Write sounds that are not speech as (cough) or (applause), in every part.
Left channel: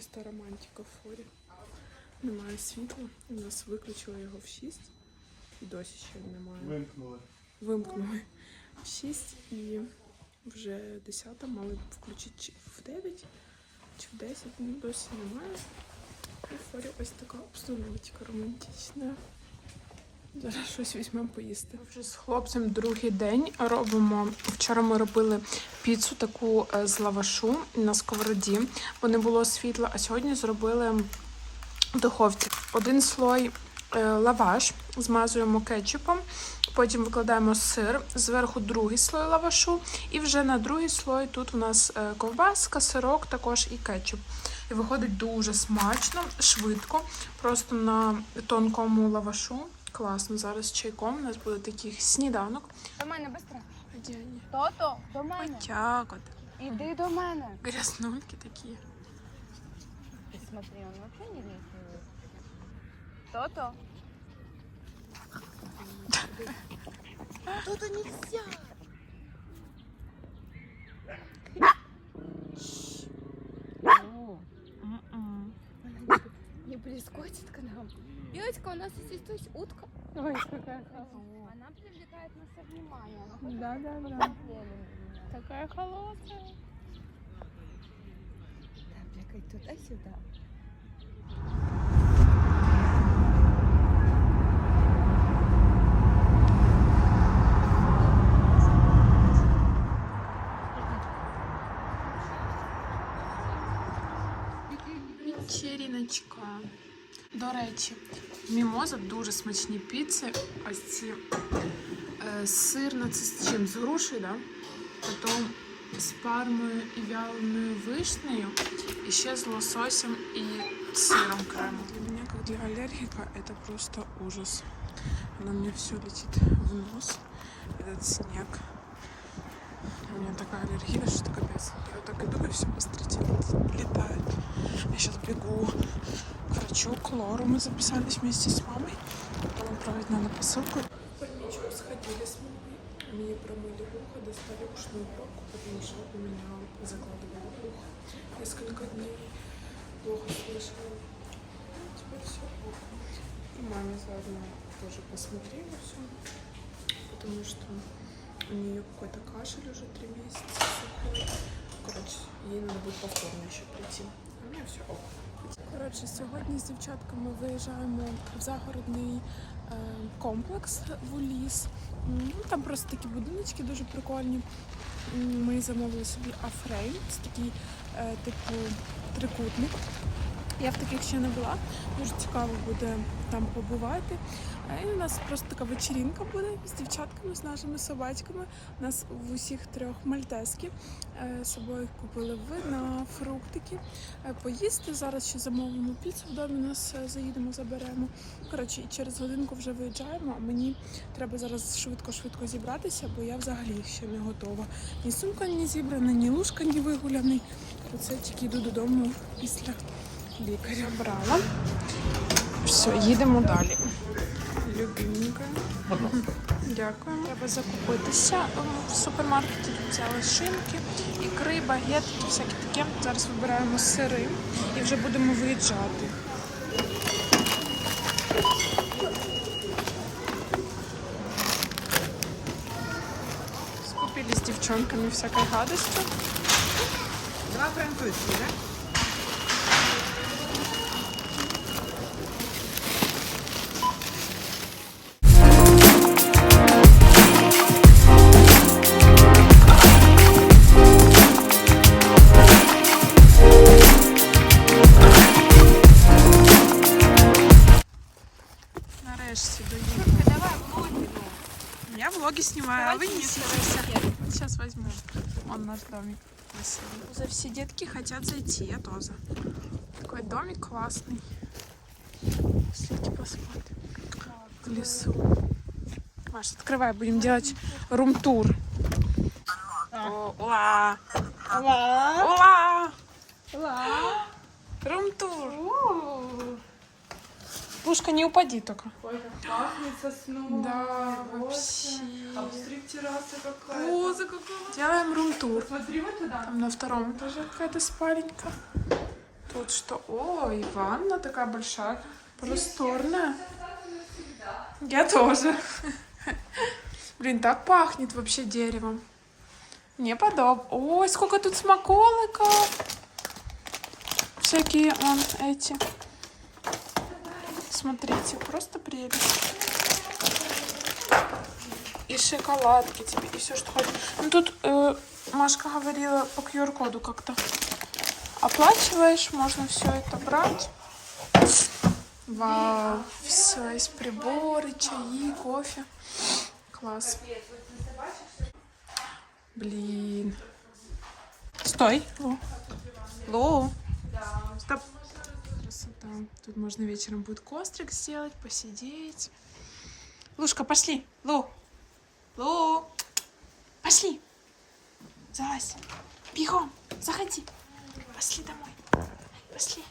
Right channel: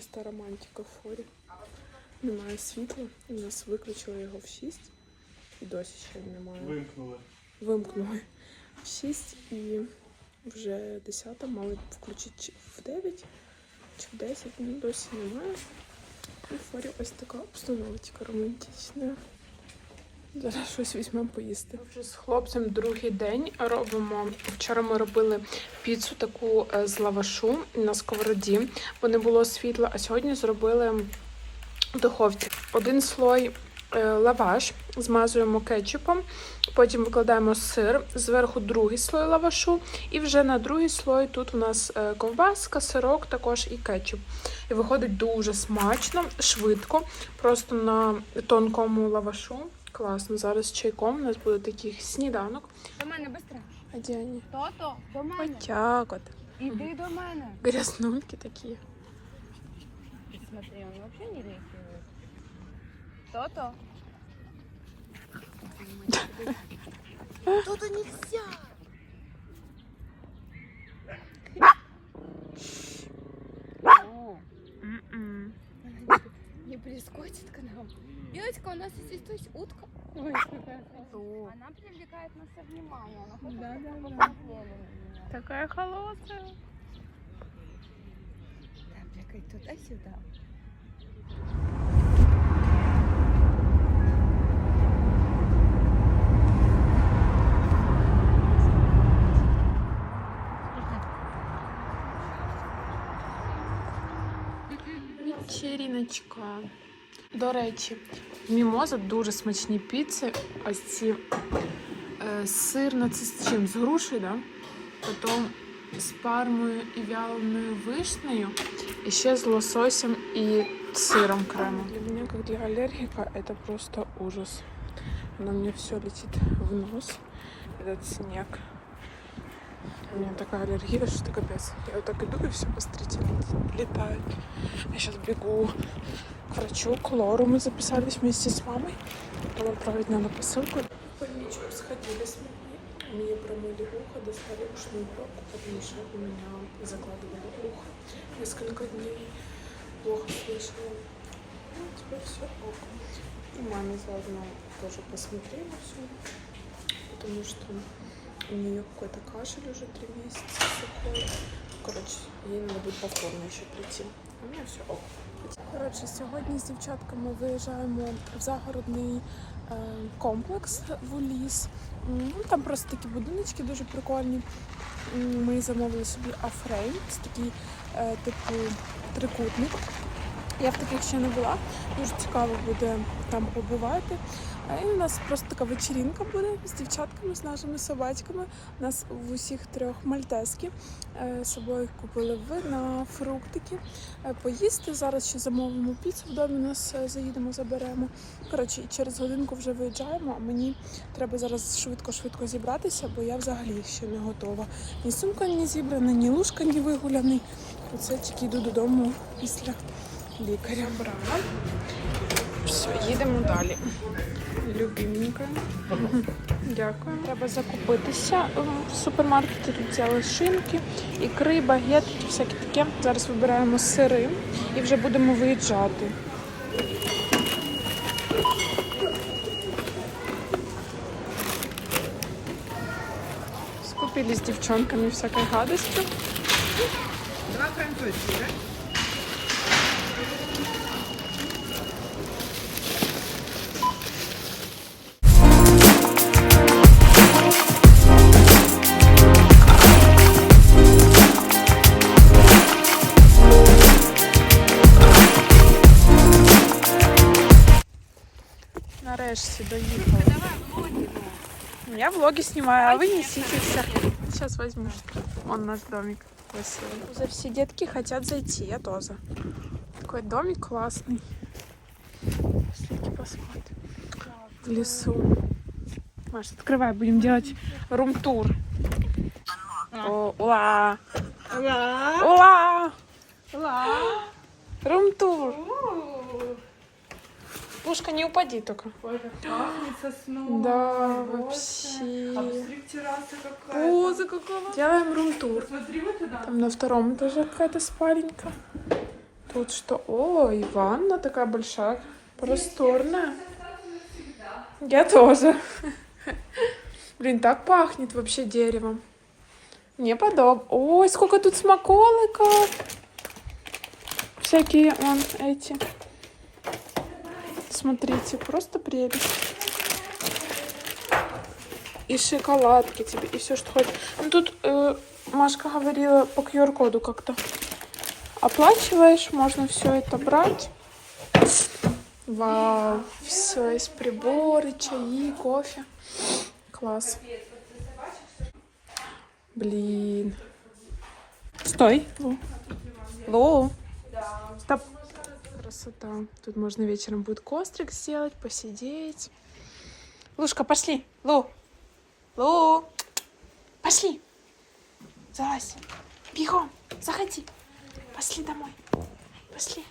чиста романтика в форі. Немає світла. У нас виключили його в 6. І досі ще немає. Вимкнули. Вимкнули в 6 і вже 10 мали включити в 9 чи в 10, ну досі немає. І в форі ось така обстановочка романтична. Зараз щось візьмемо поїсти. Вже з хлопцем другий день робимо. Вчора ми робили піцу таку е, з лавашу на сковороді, бо не було світла. А сьогодні зробили в духовці. Один слой е, лаваш, змазуємо кетчупом, потім викладаємо сир, зверху другий слой лавашу, і вже на другий слой тут у нас е, ковбаска, сирок, також і кетчуп. І виходить дуже смачно, швидко, просто на тонкому лавашу. Класно. Зараз з чайком у нас буде такий сніданок. До мене быстро. А де вони? Тото, до мене. Отак от. Іди до мене. Грязнульки такі. Смотри, он вообще не реагирует. Тото. М-м. (laughs) прискочит к нам. Девочка, у нас здесь то есть утка. Ой, какая Она привлекает наше внимание. Да, да, да. Такая холодная. Да, бегай туда-сюда. Вечеріночка. До речі, в Мімоза дуже смачні піци. Ось ці е, сирна, це з чим? З грушею, да? Потім з пармою і вяленою вишнею, і ще з лососем і сиром кремом. Для меня, как для аллергика, это просто ужас. Она мне все летит в нос, этот снег. У меня такая аллергия, что это капец. Я вот так иду, и все, посмотрите, летает. Я сейчас бегу к врачу, к Лору. Мы записались вместе с мамой. Потом отправить надо посылку. В больничку сходили с мамой. Мне промыли ухо, достали ушную пробку, потому что у меня закладывало ухо несколько дней. Плохо слышала. Ну, теперь все ок. И маме заодно тоже посмотрела все. Потому что у нее какой-то кашель уже три месяца сухой. Короче, ей надо будет повторно еще прийти. А у меня все ок. Коротше, сьогодні з дівчатками виїжджаємо в загородний е, комплекс в ліс. Ну, там просто такі будиночки дуже прикольні. Ми замовили собі афрейм, це такий е, типу трикутник. Я в таких ще не була. Дуже цікаво буде там побувати. У нас просто така вечірінка буде з дівчатками, з нашими собачками. У нас в усіх трьох мальтески. Е, собою купили вина, фруктики. Е, Поїсти. Зараз ще замовимо піцу в домі, нас е, заїдемо, заберемо. Коротше, через годинку вже виїжджаємо, а мені треба зараз швидко-швидко зібратися, бо я взагалі ще не готова. Ні сумка не зібрана, ні лужка не вигуляний. Оце тільки йду додому після лікаря. Брала. Все, їдемо далі. Любименька. Дякую. Треба закупитися Ем, в супермаркеті. Тут взяли шинки, ікри, багети, всяке таке. Зараз вибираємо сири і вже будемо виїжджати. Скупили с девчонками всякой гадостью. Нарешті влоги снимаю, а вы неситесь. Сейчас возьму. Он наш домик красивый. Уже все детки хотят зайти, я тоже. Такой домик классный. Пошлите посмотрим. В лесу. Маша, открывай, будем делать рум-тур. О, ула! Ула! Рум-тур! Пушка, не упади только. Да, вообще. Поза какого. Делаем рум-тур. Там на втором этаже какая-то спаленька. Тут что? О, и ванна такая большая, просторная. Я тоже. Блин, так пахнет вообще деревом. Не подоб. Ой, сколько тут смаколиков. Всякие, вон, эти. Смотрите, просто прелесть. И шоколадки тебе, и все, что хочешь. Ну, тут э, Машка говорила по QR-коду как-то. Оплачиваешь, можно все это брать. Вау, все, есть приборы, чаи, кофе. Класс. Блин. Стой. Лу. Стоп. Красота. Тут можно вечером будет кострик сделать, посидеть. Лушка, пошли. Лу. Лу. Пошли. Залазь. Бегом. Заходи. Пошли домой. Пошли.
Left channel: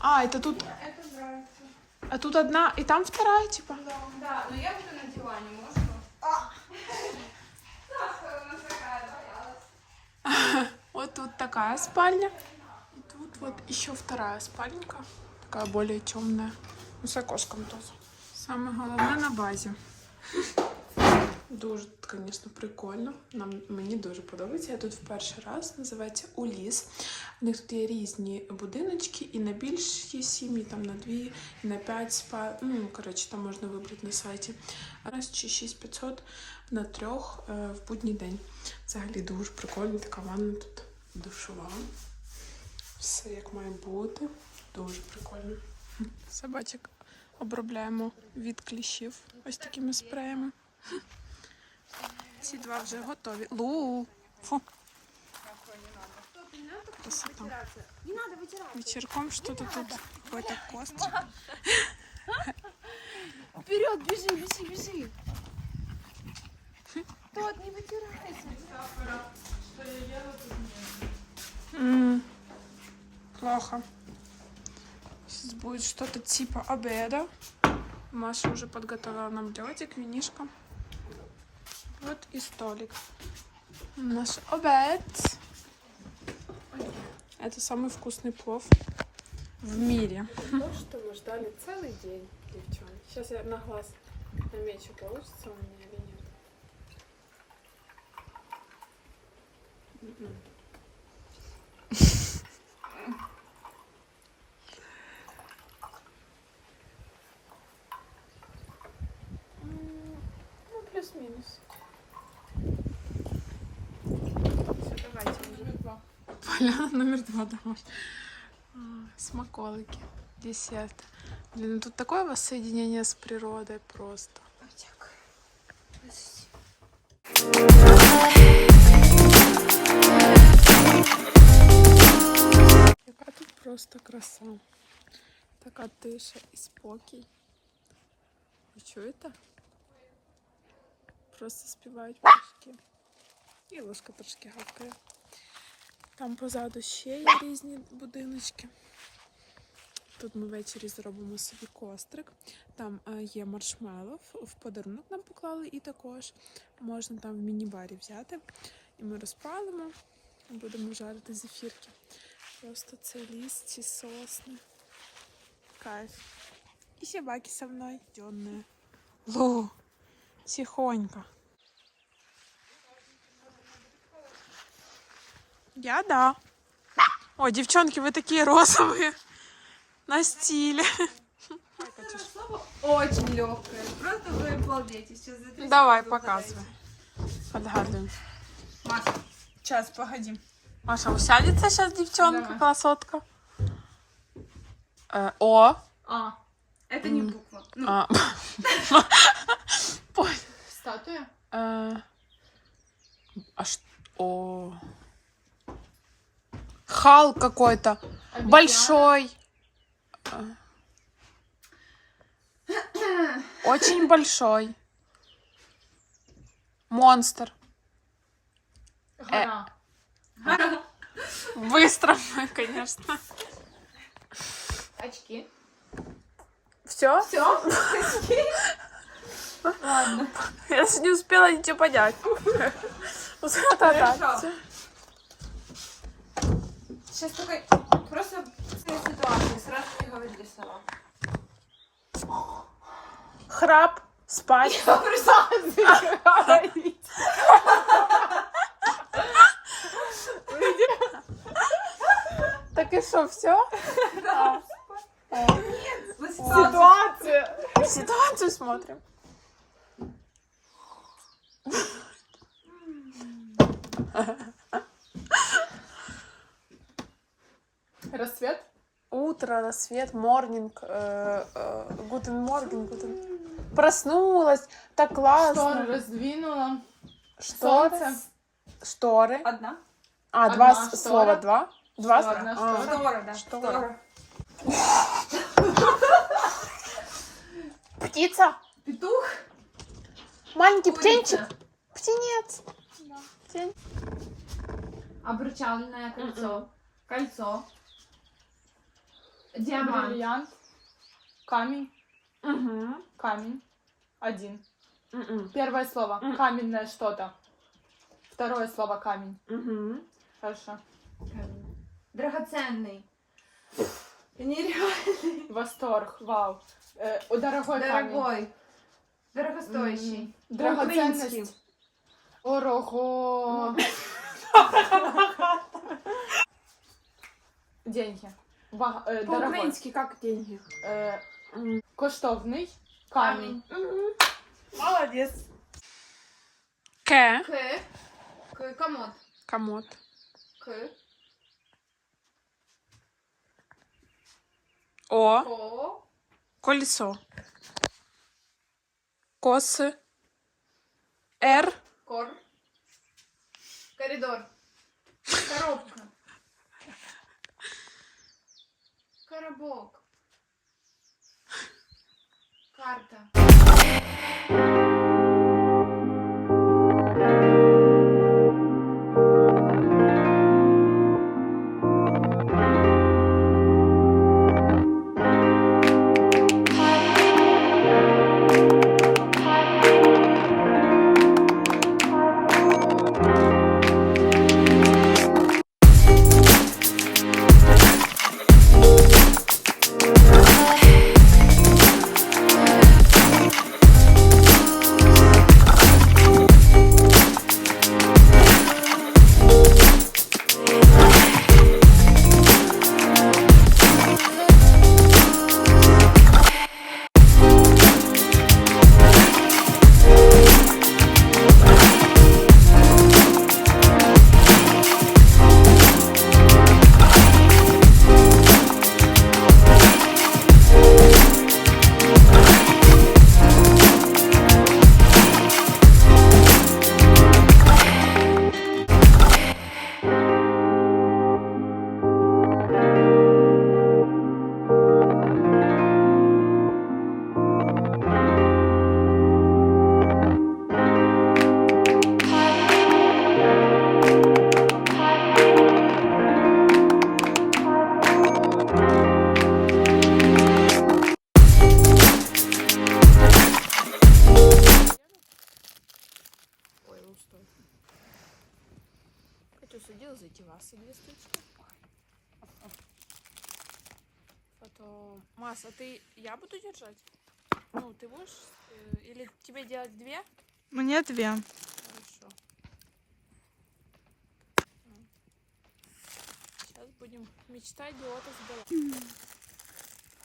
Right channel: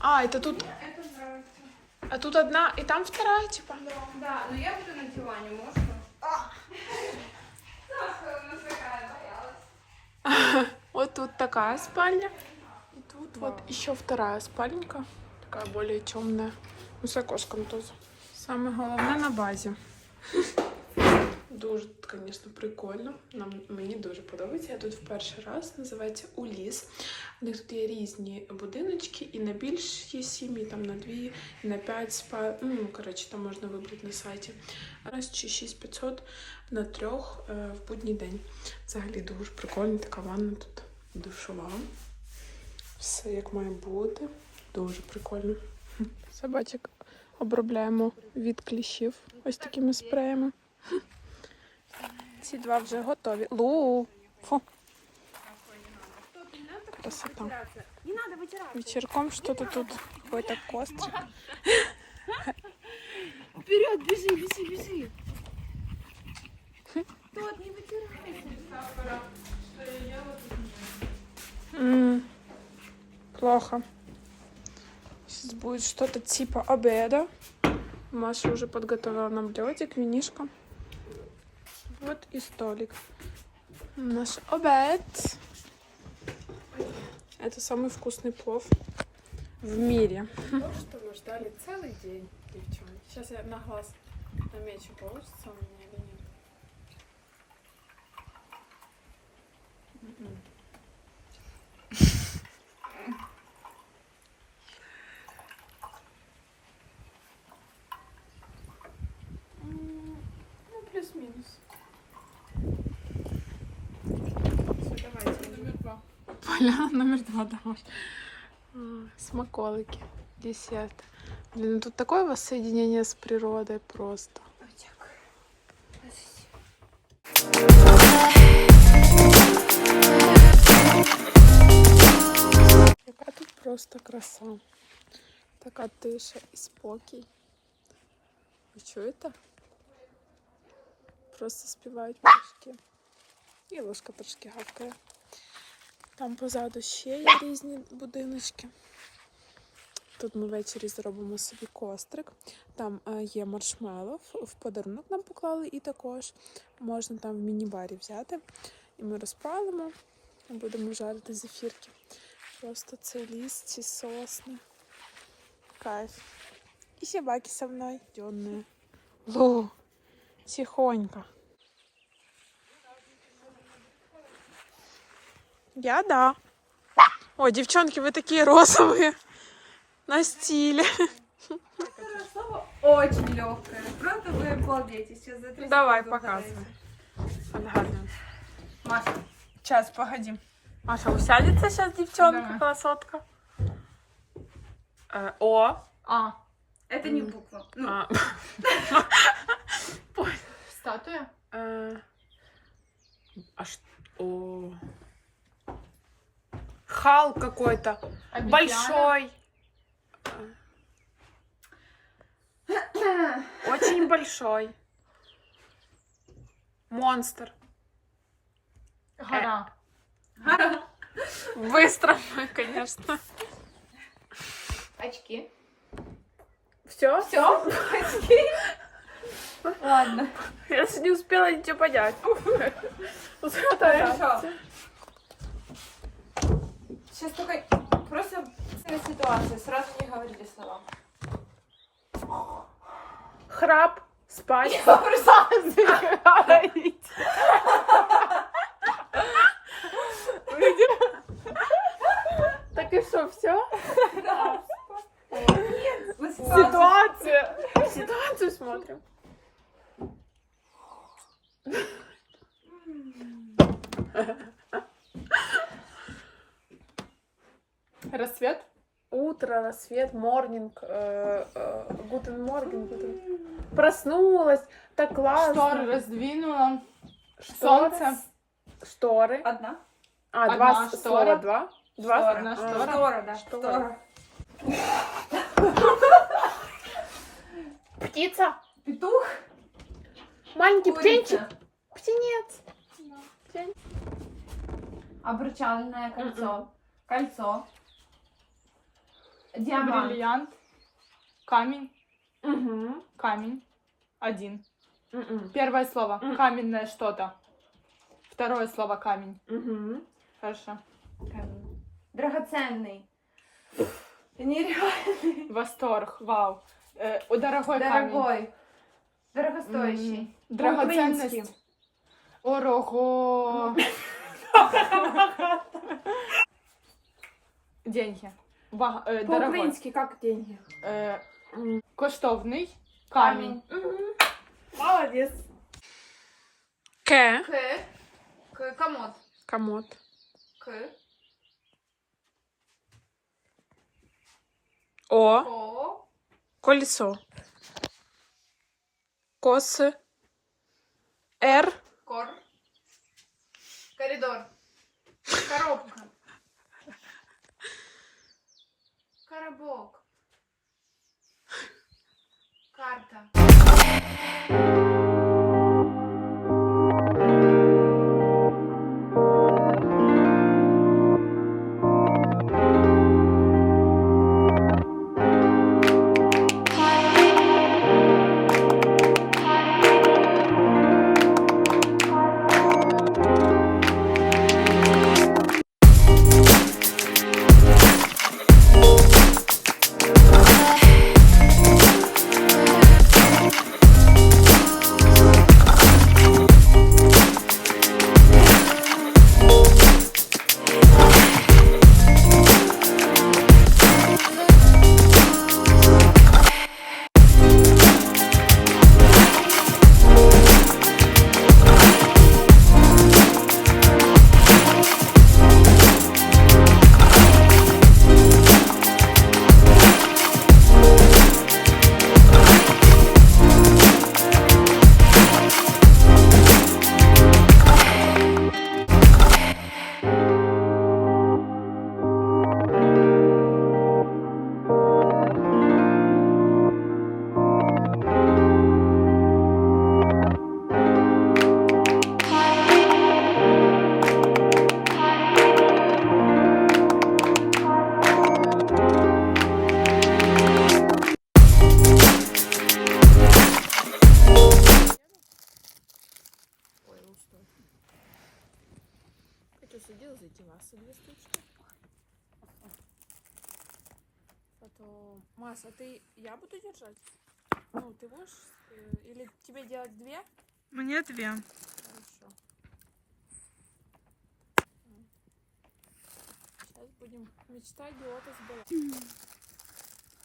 А, это тут... А тут одна, и там вторая, типа? Да, но я буду на диване, можешь? (laughs) Вот тут такая спальня. Вот еще вторая спальненька. Такая более темная. Ну, с окошком тоже. Саме головне на базі. Дуже, звісно, прикольно. Нам, мені дуже подобається. Я тут в перший раз називається Уліс. У них тут є різні будиночки, і на більші сім'ї, там на дві, і на п'ять спа. Ну, коротше, там можна вибрати на сайті. Раз чи 6500 на трьох е, в будній день. Взагалі дуже прикольно, така ванна тут душова. Все як має бути. Дуже прикольно. Собачок обробляємо від кліщів ось такими спреями. Ці два вже готові. Лу! Фу. Красота. Вечерком что-то тут какой-то кострик. Вперед, бежи, бежи, бежи. Тот, не вытирайся. М, Плохо. Сейчас будет что-то типа обеда. Маша уже подготовила нам ледик, винишко. Вот и столик. Наш обед. Это самый вкусный плов в мире. То, что мы ждали целый день, девчонки. Сейчас я на глаз намечу, получится у меня или нет. М-м. М, Ну, плюс-минус. Все, давайте. Поляна номер два домой. А, Смаколики. Десерт. Блин, ну тут такое воссоединение с природой просто. Яка тут просто краса. Така тиша і спокій. Ви чуєте? Просто співають пташки. І ложка трошки гавкає. Там позаду ще є різні будиночки. Тут ми ввечері зробимо собі кострик. Там е, є маршмеллоу, в- подарунок нам поклали, і також можна там в міні-барі взяти. І ми розпалимо, будемо жарити зефірки. Просто це ліс, ці сосни. Кайф. И собаки со. Дённые. Лу, тихонько. Я да. Ой, девчонки, вы такие розовые. На стиле. Слово очень легкое. Просто вы обалдеете. Сейчас за три Давай, показывай. Отгадываем. Маша, Сейчас, погоди. Маша, усядется сейчас девчонка, Да. красотка? Э, о. А. Это не буква. Ну, А. Статуя. Э, А что? О. Хал какой-то. Большой. Э. Очень большой. Монстр. Гора. Быстро, конечно. Очки. Все? Все. Ладно. Я не успела ничего понять. Хорошо. Сейчас только просто ситуации, сразу не говорили слова. Храп, спать. Я просто Так и что, все? Нет, на ситуацию. Ситуация. Ситуацию смотрим. Рассвет? Утро, рассвет, морнинг, гутен морген, гутен. Проснулась, так Шторы классно. раздвинула. Что? Солнце. Шторы. Одна. А, два Одна с- штора. слова, два? Два? Штора. Одна А, штора. Штора, да. Штора. Птица. Петух. Маленький птенчик. Курица. Птенец. Птен- Обручальное кольцо. Мгм. Кольцо. Диамант. Бриллиант. Камень. Мгм. Камень. Один. Мгм. Первое слово. М. Каменное что-то. Второе слово камень. Мгм. Хорошо. Камень. Драгоценный. Нереально. Восторг. Вау. Э, о, дорогой камень. Дорогой. Дорогостоящий. Драгоценность. Ого. (laughs) Деньги. Ва- э, дорогой. По-украински как деньги? М. коштовний. Камень. Молодец. К. К. К. Комод. Комод. К. О. О. Колесо. Косы. Р. Кор. Коридор. Коробка. Коробок. Карта. Маш, а ты... Я буду держать? Ну, ты будешь? э, Или тебе делать две? Мне две. Хорошо. Сейчас будем мечтать идиота сбыла.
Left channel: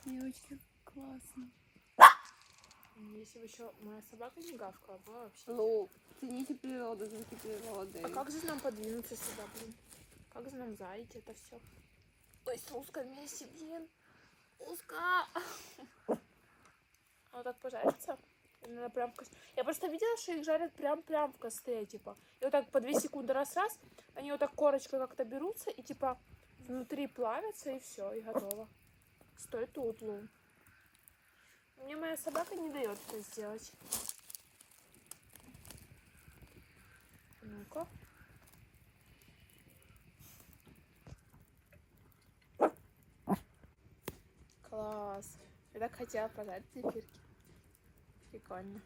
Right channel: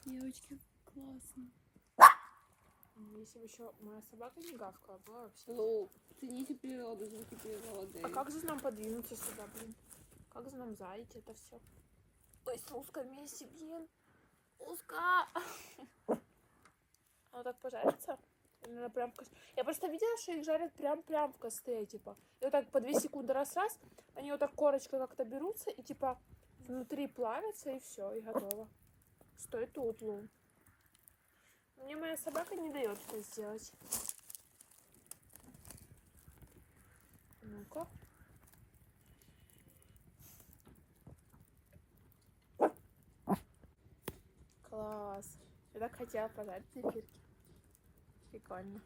Девочки, классно. Если бы еще моя собака не гавкала, было вообще. Ну, цените природу, звуки природы. А как же нам подвинуться сюда, блин? Как же нам зайти это все? Ой, с узко вместе, блин. Узко. (laughs) Оно так пожарится? Надо прям в кос- Я просто видела, что их жарят прям-прям в костре, типа. И вот так по 2 секунды раз-раз, они вот так корочкой как-то берутся и типа внутри плавятся и все, и готово. Стой тут, Лун. Мне моя собака не дает это сделать. Ну-ка. Класс. Я так хотела пожарить зефирки. Прикольно.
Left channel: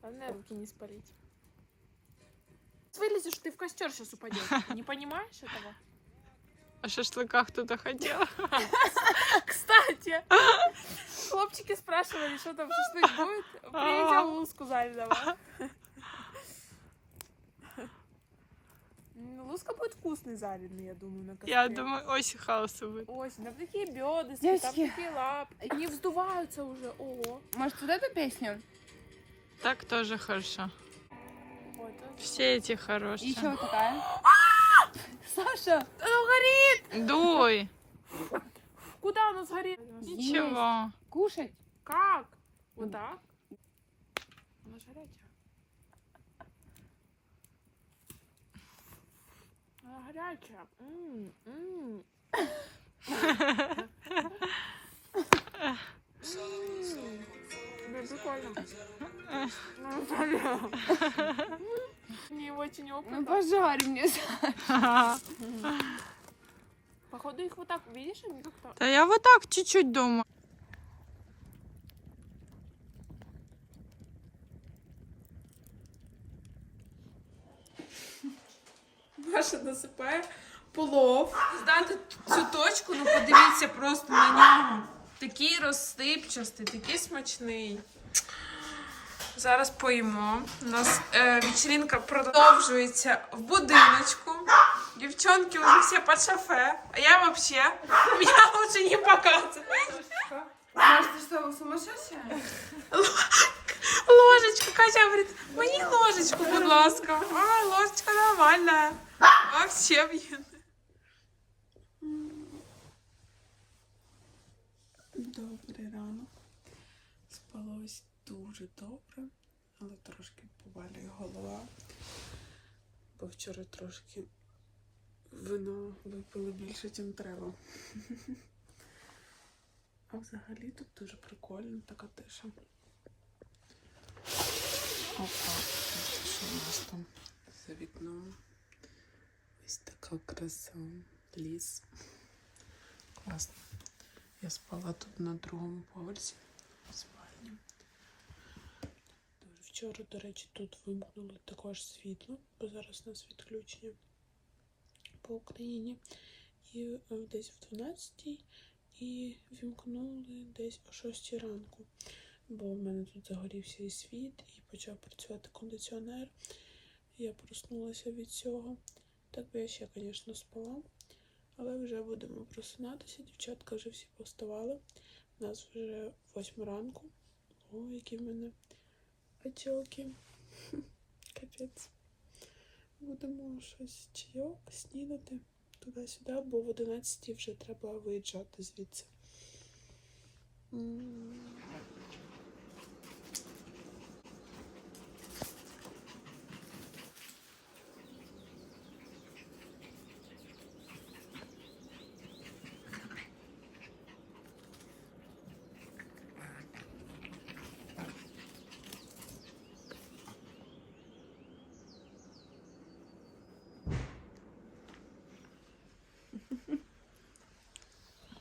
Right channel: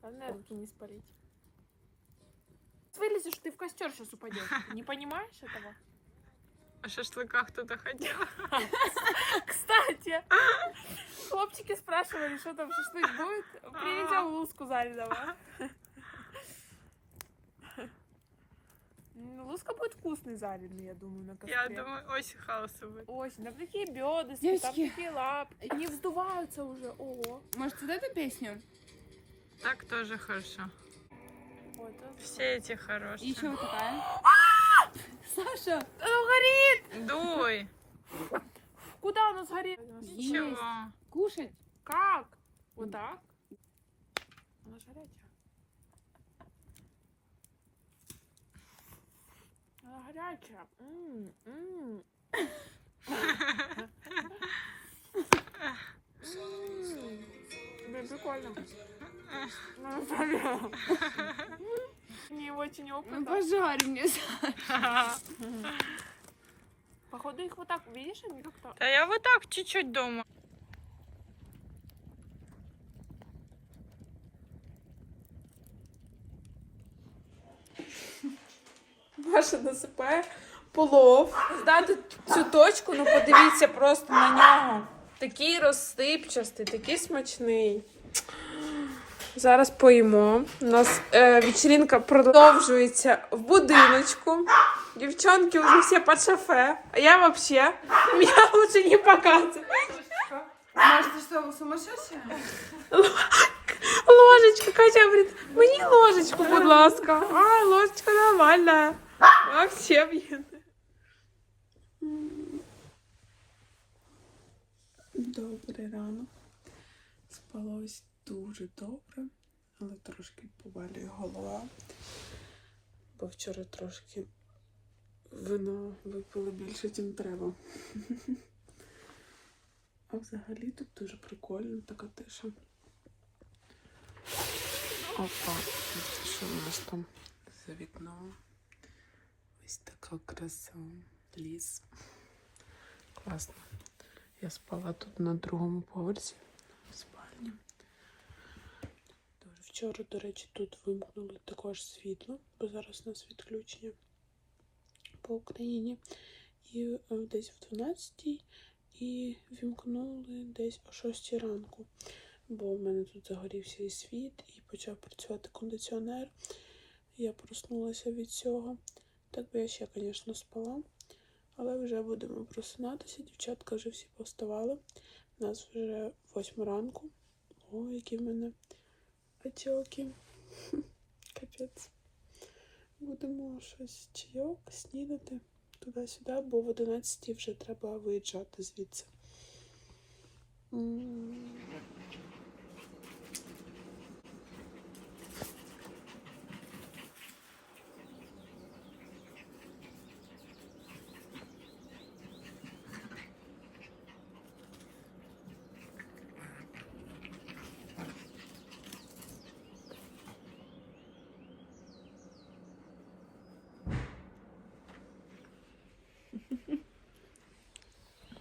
Главное руки не спалить. Вылезешь ты в костер сейчас упадешь. Не понимаешь этого? А шашлыка кто-то хотел? (laughs) Кстати, хлопчики спрашивали, что там шашлык будет. Приедем луску заливать. Луска будет вкусный жареный, я думаю, на костре. Я думаю, очень хаоса будет. Осень, там такие бедра, там Девочки. такие лапки. Они вздуваются уже. О, Может, вот эту песню? Так тоже хорошо. Ой, это- Все эти хорошие. Еще вот такая. Саша! Дуй. Куда оно сгорит? Ничего. Кушать? Как? Вот так? Она ж. Блин, прикольно. Ну. Не очень Ну, опытно. пожарь мне. Походу их вот так, видишь, они как-то... Да я вот так чуть-чуть думаю. Маша насипає плов. Здати цю точку, ну подивіться просто на нього. Такий розсипчастий, такий смачний. Зараз поїмо. У нас е, вечеринка продовжується в будиночку. Дівчонки вже всі під шафе. А я взагалі, мене лучше не показувати. Маш, ты что, сумасшедшая? Ложечку, Катя говорить, мені ложечку, будь ласка. А, ложечка нормальна. Вообще, блін. Добрий ранок. Спалось дуже добре, але трошки повалює голова. Бо вчора трошки вина випили більше, ніж треба. (laughs) А взагалі тут дуже прикольно така тиша. Опа, що у нас там за вікном? Ось така краса. Ліс. Класно. Я спала тут на другому поверсі в спальні. Дуже Вчора, до речі, тут вимкнули також світло, бо зараз у нас відключення по Україні. І е, десь в 12 і вімкнули десь о 6 ранку бо в мене тут загорівся і світ, і почав працювати кондиціонер. Я проснулася від цього. Так би я ще, звісно, спала, але вже будемо просинатися. Дівчатка вже всі повставали. У нас вже 8 ранку. О, які в мене отеки. (laughs) Капець. Будемо щось чайок, снідати туди-сюди, бо в 11 вже треба виїжджати звідси.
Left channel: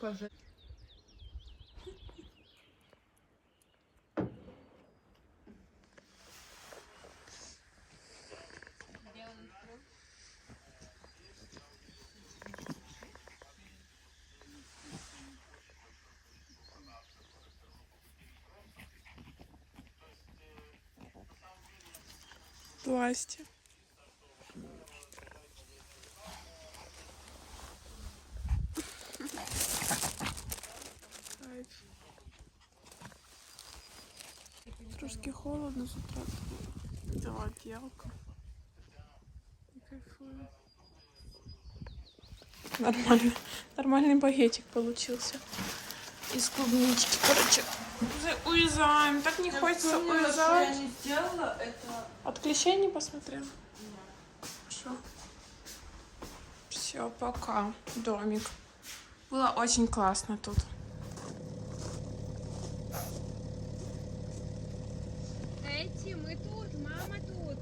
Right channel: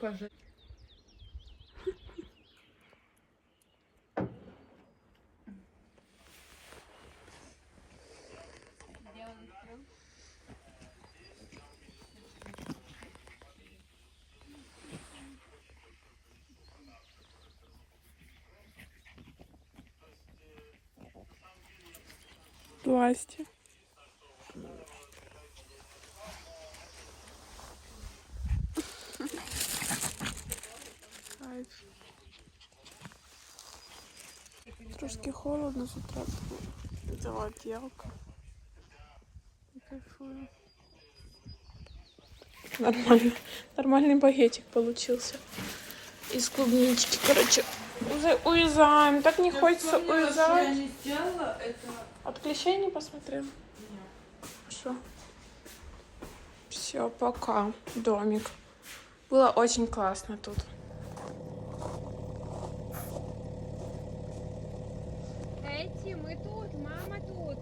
М. Боже. Трошки холодно з утра. Взяла кайфую. Нормально. Нормальный багетик получился. Из клубнички. Короче, уже уезжаем. Так не хочется уезжать. От клещей не посмотрел? Хорошо. Все, пока. Домик. Было очень классно тут. Эти, мы тут, мама тут.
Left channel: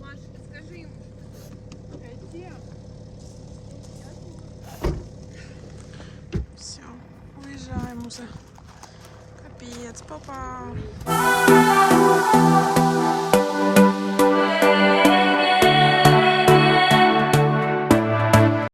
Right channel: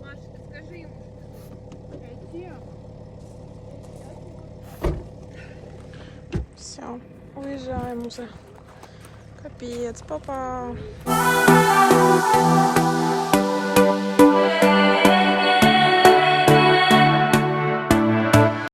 Маша, скажи ему. Все, уезжаем уже. Капец, папа.